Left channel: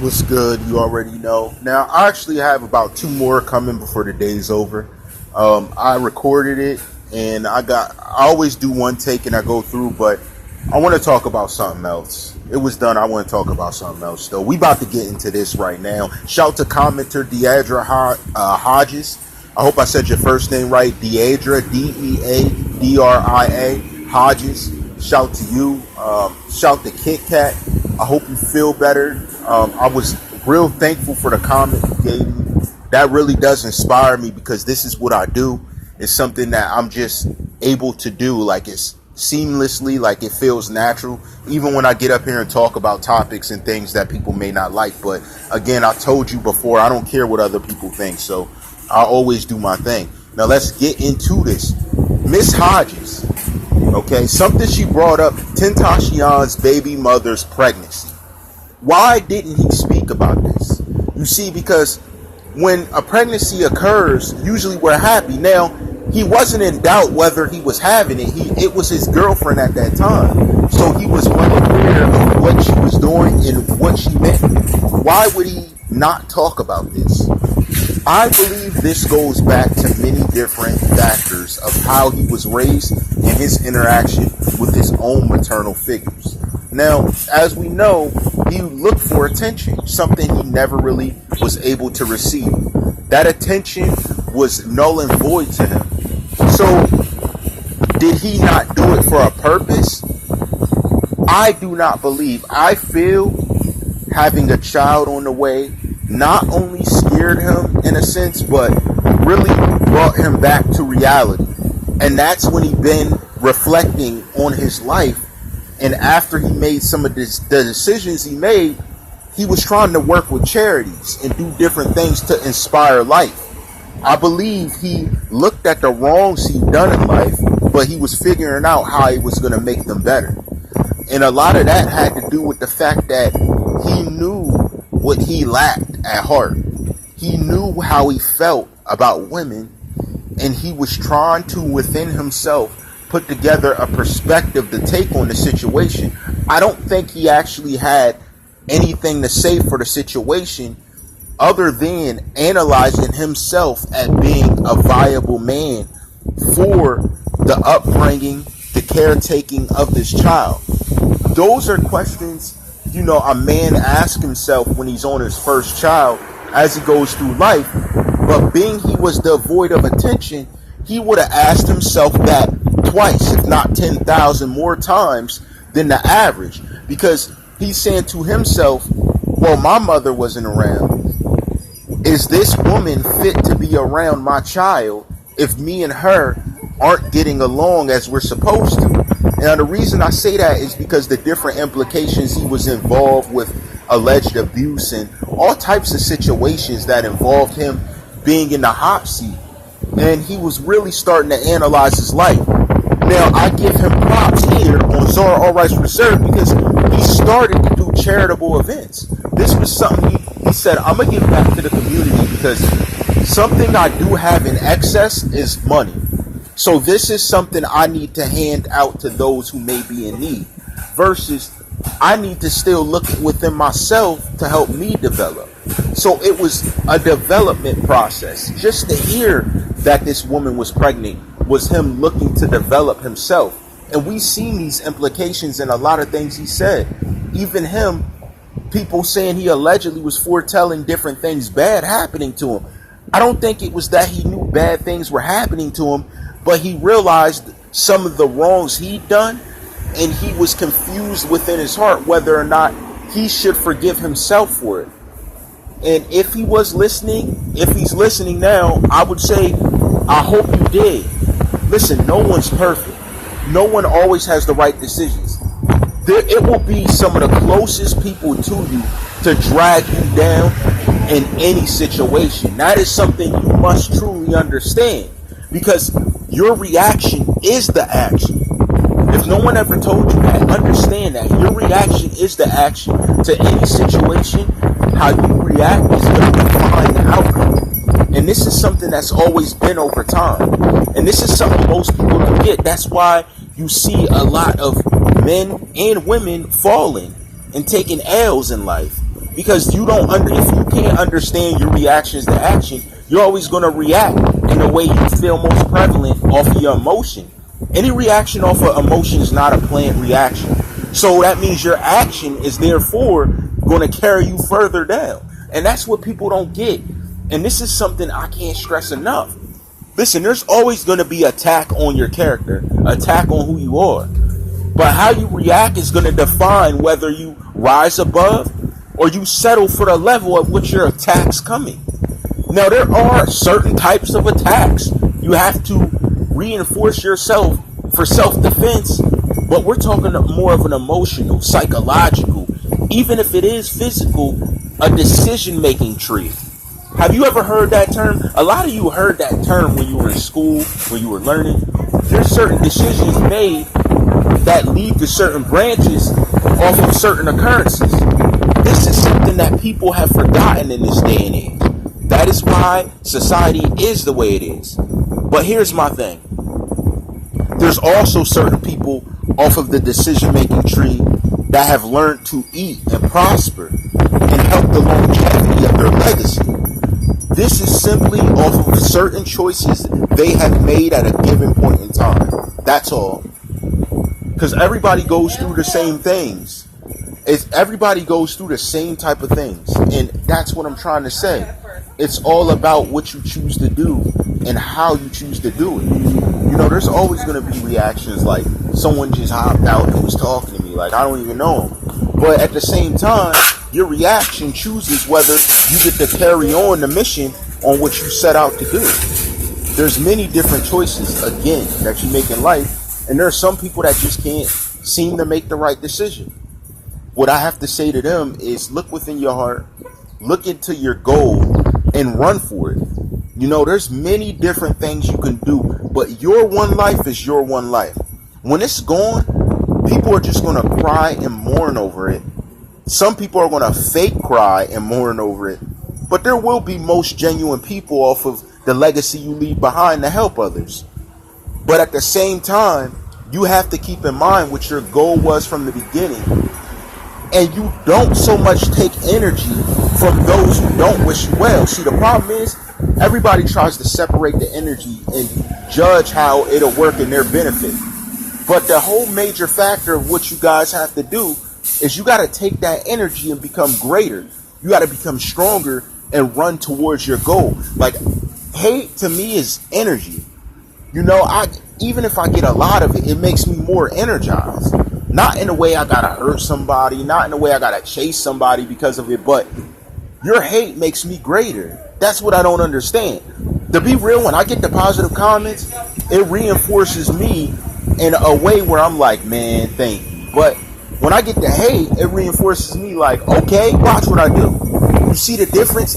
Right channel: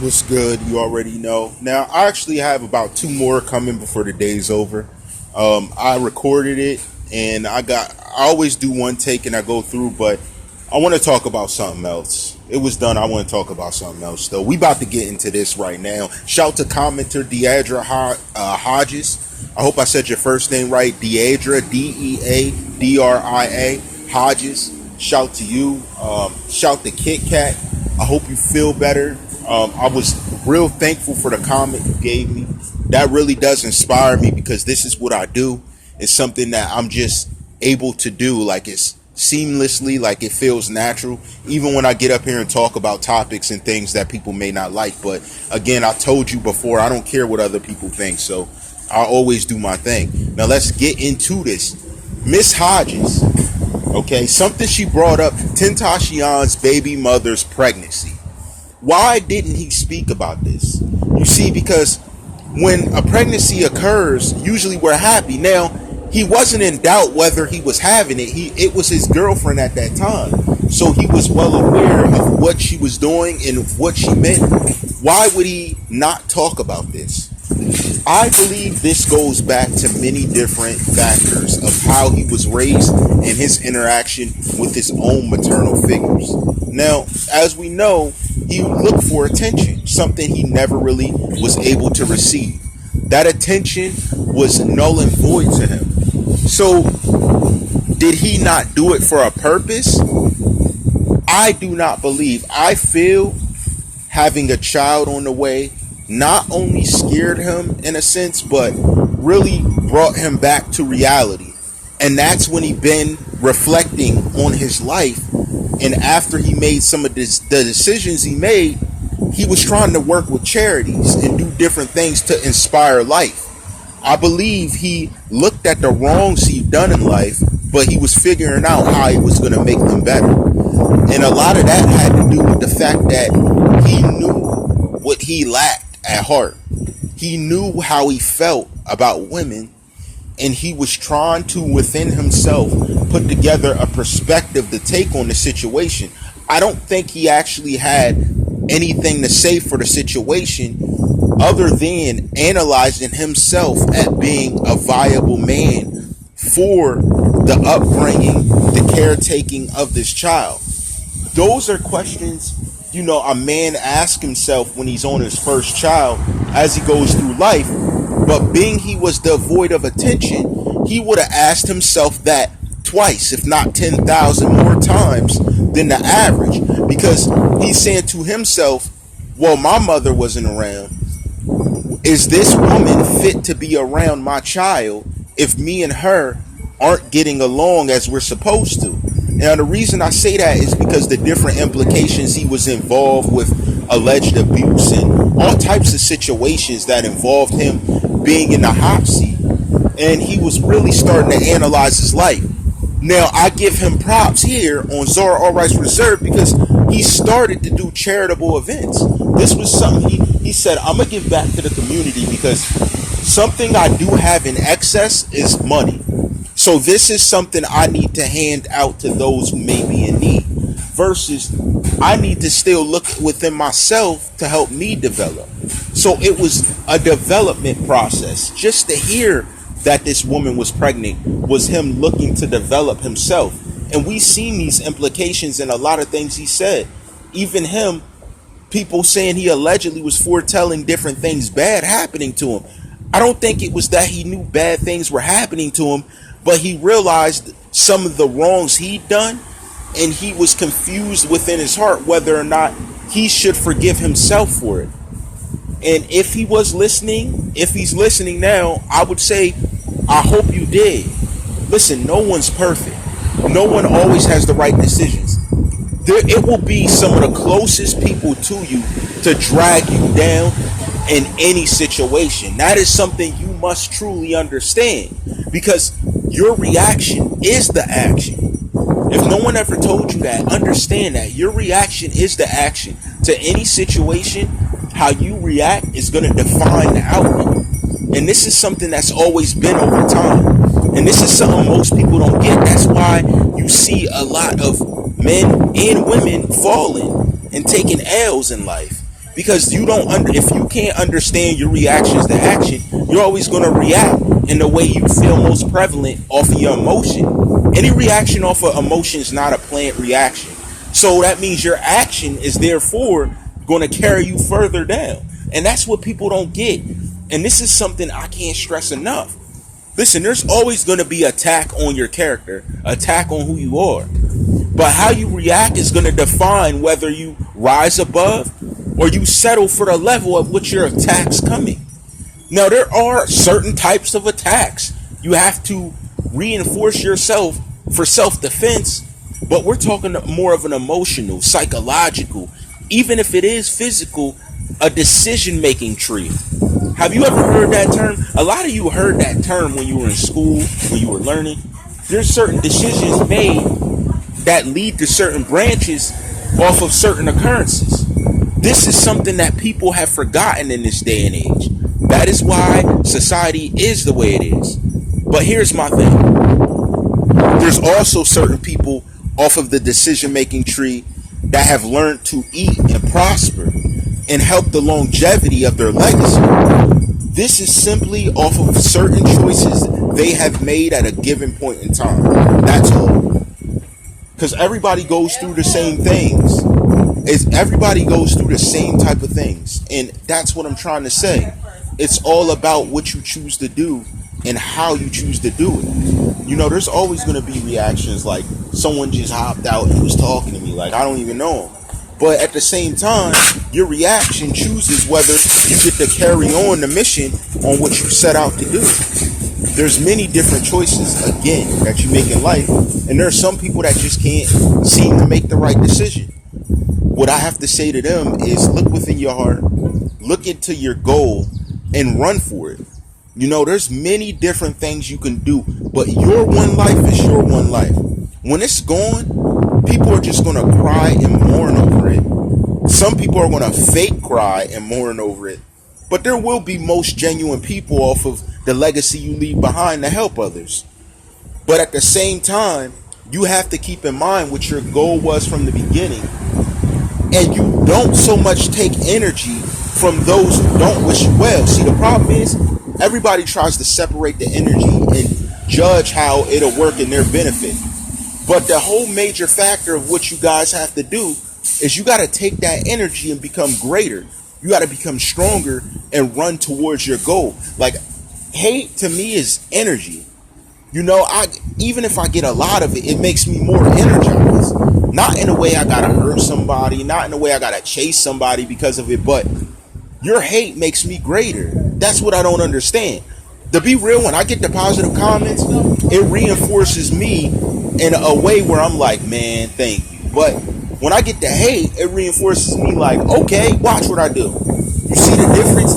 What's good? You already know. Now, I actually have about two more coming before the day's over. I recorded it, and I always do one take and I go through, but I want to talk about something else. It was done. I want to talk about something else, though. We about to get into this right now. Shout to commenter Deidre Hodges. I hope I said your first name right. Deidre, Deadria, Hodges. Shout to you. Shout to Kit Kat. I hope you feel better. I was real thankful for the comment you gave me. That really does inspire me because this is what I do. It's something that I'm just able to do. Like it's seamlessly, like it feels natural. Even when I get up here and talk about topics and things that people may not like. But again, I told you before, I don't care what other people think. So I always do my thing. Now let's get into this. Miss Hodges. Okay, something she brought up, Tentacion's baby mother's pregnancy. Why didn't he speak about this? You see, because when a pregnancy occurs, usually we're happy. Now, he wasn't in doubt whether he was having it. It was his girlfriend at that time. So he was well aware of what she was doing and what she meant. Why would he not talk about this? I believe this goes back to many different factors of how he was raised and his interaction with his own maternal figures. Now, as we know, he looked for attention, something he never really was able to receive. That attention was null and void to him. So, did he not do it for a purpose? I do not believe. I feel having a child on the way not only scared him in a sense, but really brought him back to reality. And that's when he been reflecting on his life. And after he made some of the decisions he made, he was trying to work with charities and do different things to inspire life. I believe he looked at the wrongs he'd done in life, but he was figuring out how he was going to make them better. And a lot of that had to do with the fact that he knew what he lacked at heart. He knew how he felt about women, and he was trying to, within himself, put together a perspective to take on the situation. I don't think he actually had anything to say for the situation other than analyzing himself at being a viable man for the upbringing, the caretaking of this child. Those are questions, a man asks himself when he's on his first child as he goes through life. But being he was devoid of attention, he would have asked himself that twice, if not 10,000 more times than the average. Because he's saying to himself, well, my mother wasn't around. Is this woman fit to be around my child if me and her aren't getting along as we're supposed to? Now, the reason I say that is because the different implications he was involved with, alleged abuse and all types of situations that involved him being in the hot seat. And he was really starting to analyze his life. Now, I give him props here on Zara All Rights Reserved because he started to do charitable events. This was something he said, I'm going to give back to the community because something I do have in excess is money. So this is something I need to hand out to those who may be in need versus I need to still look within myself to help me develop. So it was a development process. Just to hear that this woman was pregnant was him looking to develop himself. And we've seen these implications in a lot of things he said. Even him, people saying he allegedly was foretelling different things bad happening to him. I don't think it was that he knew bad things were happening to him, but he realized some of the wrongs he'd done, and he was confused within his heart whether or not he should forgive himself for it. And if he was listening, if he's listening now, I would say, I hope you did. Listen, no one's perfect. No one always has the right decisions. It will be some of the closest people to you to drag you down in any situation. That is something you must truly understand because your reaction is the action. If no one ever told you that, understand that your reaction is the action to any situation. How you react is going to define the outcome. And this is something that's always been over time. And this is something most people don't get. That's why you see a lot of men and women falling and taking L's in life. Because if you can't understand your reactions to action, you're always going to react in the way you feel most prevalent off of your emotion. Any reaction off of emotion is not a planned reaction. So that means your action is therefore going to carry you further down. And that's what people don't get. And this is something I can't stress enough. Listen, there's always going to be attack on your character, attack on who you are. But how you react is going to define whether you rise above or you settle for the level at which your attack's coming. Now, there are certain types of attacks. You have to reinforce yourself for self-defense, but we're talking more of an emotional, psychological, even if it is physical, a decision-making tree. Have you ever heard that term? A lot of you heard that term when you were in school, when you were learning. There's certain decisions made that lead to certain branches off of certain occurrences. This is something that people have forgotten in this day and age. That is why society is the way it is. But here's my thing. There's also certain people off of the decision-making tree that have learned to eat and prosper and help the longevity of their legacy. This is simply off of certain choices they have made at a given point in time. That's all. Because everybody goes through the same things. Everybody goes through the same type of things. And that's what I'm trying to say. It's all about what you choose to do and how you choose to do it. You know, there's always going to be reactions like someone just hopped out and was talking to me like I don't even know him. But at the same time, your reaction chooses whether you get to carry on the mission on what you set out to do. There's many different choices, again, that you make in life. And there are some people that just can't seem to make the right decision. What I have to say to them is look within your heart, look into your goal, and run for it. You know, there's many different things you can do, but your one life is your one life. When it's gone, people are just going to cry and mourn over it. Some people are going to fake cry and mourn over it. But there will be most genuine people off of the legacy you leave behind to help others. But at the same time, you have to keep in mind what your goal was from the beginning. And you don't so much take energy from those who don't wish you well. See, the problem is everybody tries to separate the energy and judge how it'll work in their benefit. But the whole major factor of what you guys have to do is you got to take that energy and become greater. You got to become stronger and run towards your goal. Like, hate to me is energy. You know, even if I get a lot of it, it makes me more energized. Not in a way I gotta hurt somebody, not in a way I gotta chase somebody because of it, but your hate makes me greater. That's what I don't understand. To be real, when I get the positive comments, it reinforces me in a way where I'm like, man, thank you. But when I get the hate, it reinforces me like, okay, watch what I do. You see the difference?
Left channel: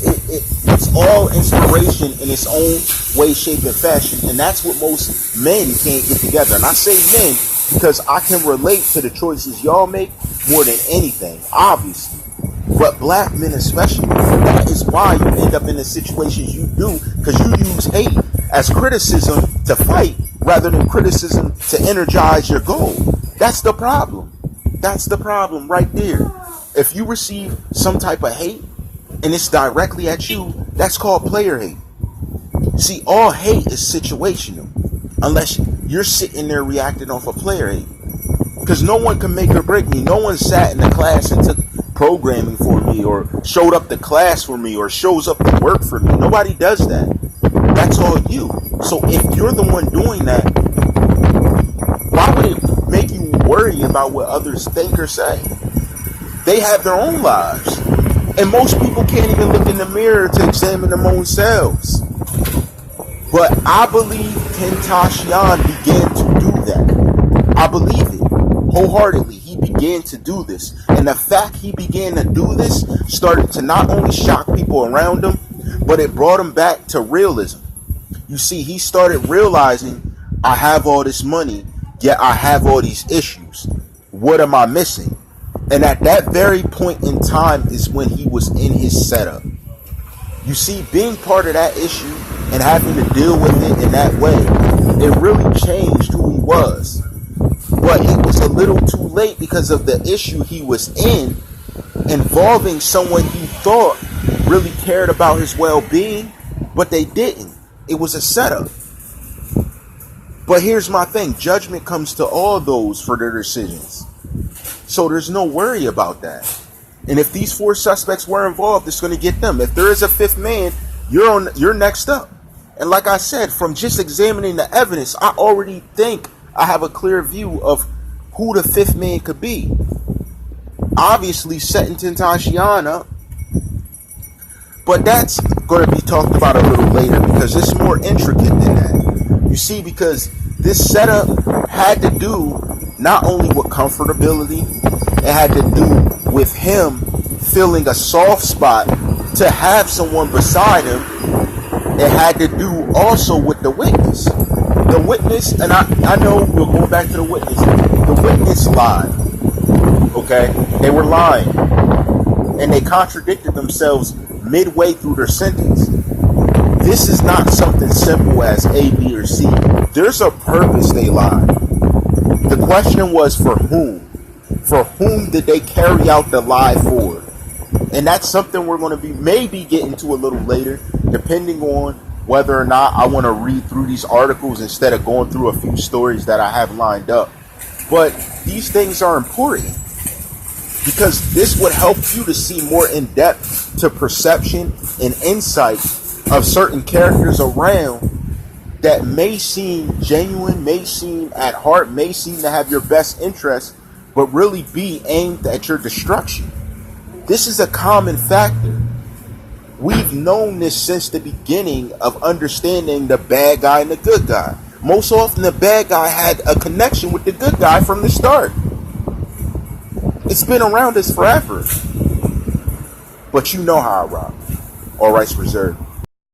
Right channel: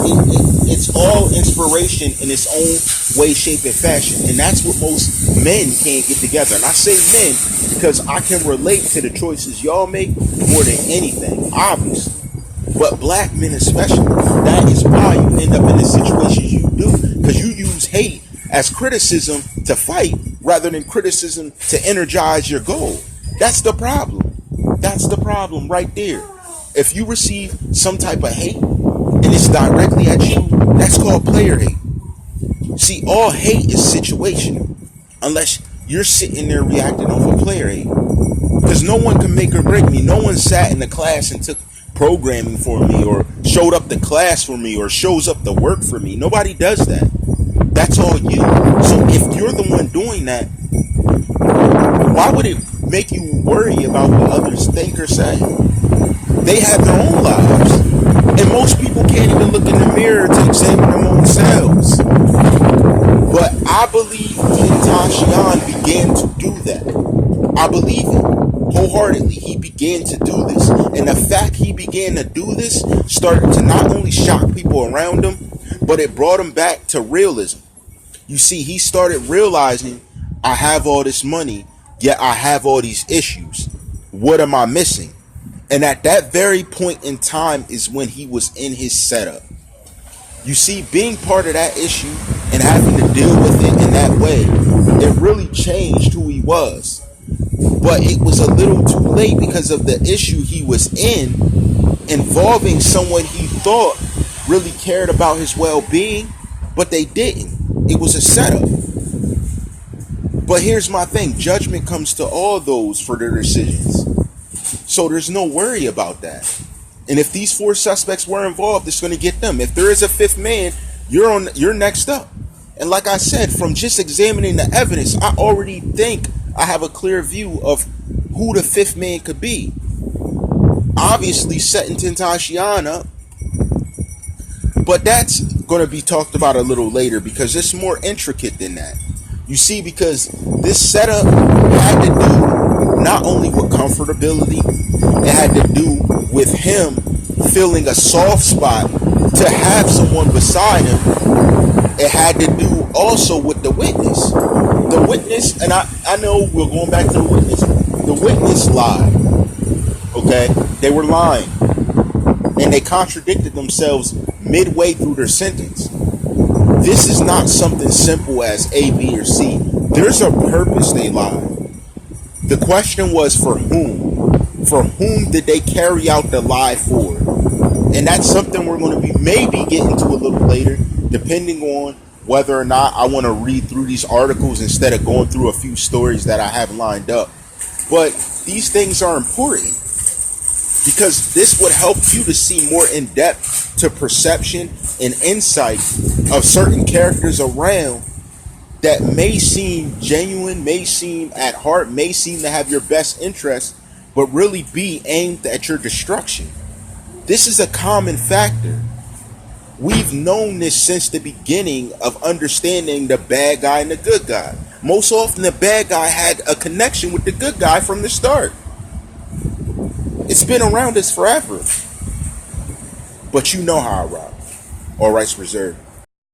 It's all inspiration in its own way, shape, and fashion. And that's what most men can't get together. And I say men because I can relate to the choices y'all make more than anything, obviously. But black men especially, that is why you end up in the situations you do, because you use hate as criticism to fight rather than criticism to energize your goal. That's the problem. That's the problem right there. If you receive some type of hate and it's directly at you, that's called player hate. See, all hate is situational unless you're sitting there reacting off of player hate. Because no one can make or break me. No one sat in the class and took programming for me or showed up to class for me or shows up to work for me. Nobody does that. That's all you. So if you're the one doing that, why would it make you worry about what others think or say? They have their own lives. And most people can't even look in the mirror to examine their own selves. But I believe XxTentacion began to do that. I believe it. Wholeheartedly, he began to do this. And the fact he began to do this started to not only shock people around him, but it brought him back to realism. You see, he started realizing, I have all this money, yet I have all these issues. What am I missing? And at that very point in time is when he was in his setup. You see, being part of that issue and having to deal with it in that way, it really changed who he was. But it was a little too late because of the issue he was in. involving someone he thought really cared about his well-being, but they didn't. It was a setup. But here's my thing. Judgment comes to all those for their decisions. So there's no worry about that. And if these 4 suspects were involved, it's going to get them. If there is a 5th man, you're next up. And like I said, from just examining the evidence, I already think I have a clear view of who the 5th man could be. Obviously, XxTentacion up. But that's going to be talked about a little later because it's more intricate than that. You see, because this setup had to do not only with comfortability, it had to do with him feeling a soft spot to have someone beside him. It had to do also with the witness. The witness, and I know we're going back to the witness. The witness lied. Okay? They were lying. And they contradicted themselves midway through their sentence. This is not something simple as A, B, or C. There's a purpose they lied. The question was for whom? For whom did they carry out the lie for? And that's something we're going to be maybe getting to a little later, depending on whether or not I want to read through these articles instead of going through a few stories that I have lined up. But these things are important because this would help you to see more in depth to perception and insight of certain characters around that may seem genuine, may seem at heart, may seem to have your best interest, but really be aimed at your destruction. This is a common factor. We've known this since the beginning of understanding the bad guy and the good guy. Most often the bad guy had a connection with the good guy from the start. It's been around us forever. But you know how I rock. All rights reserved.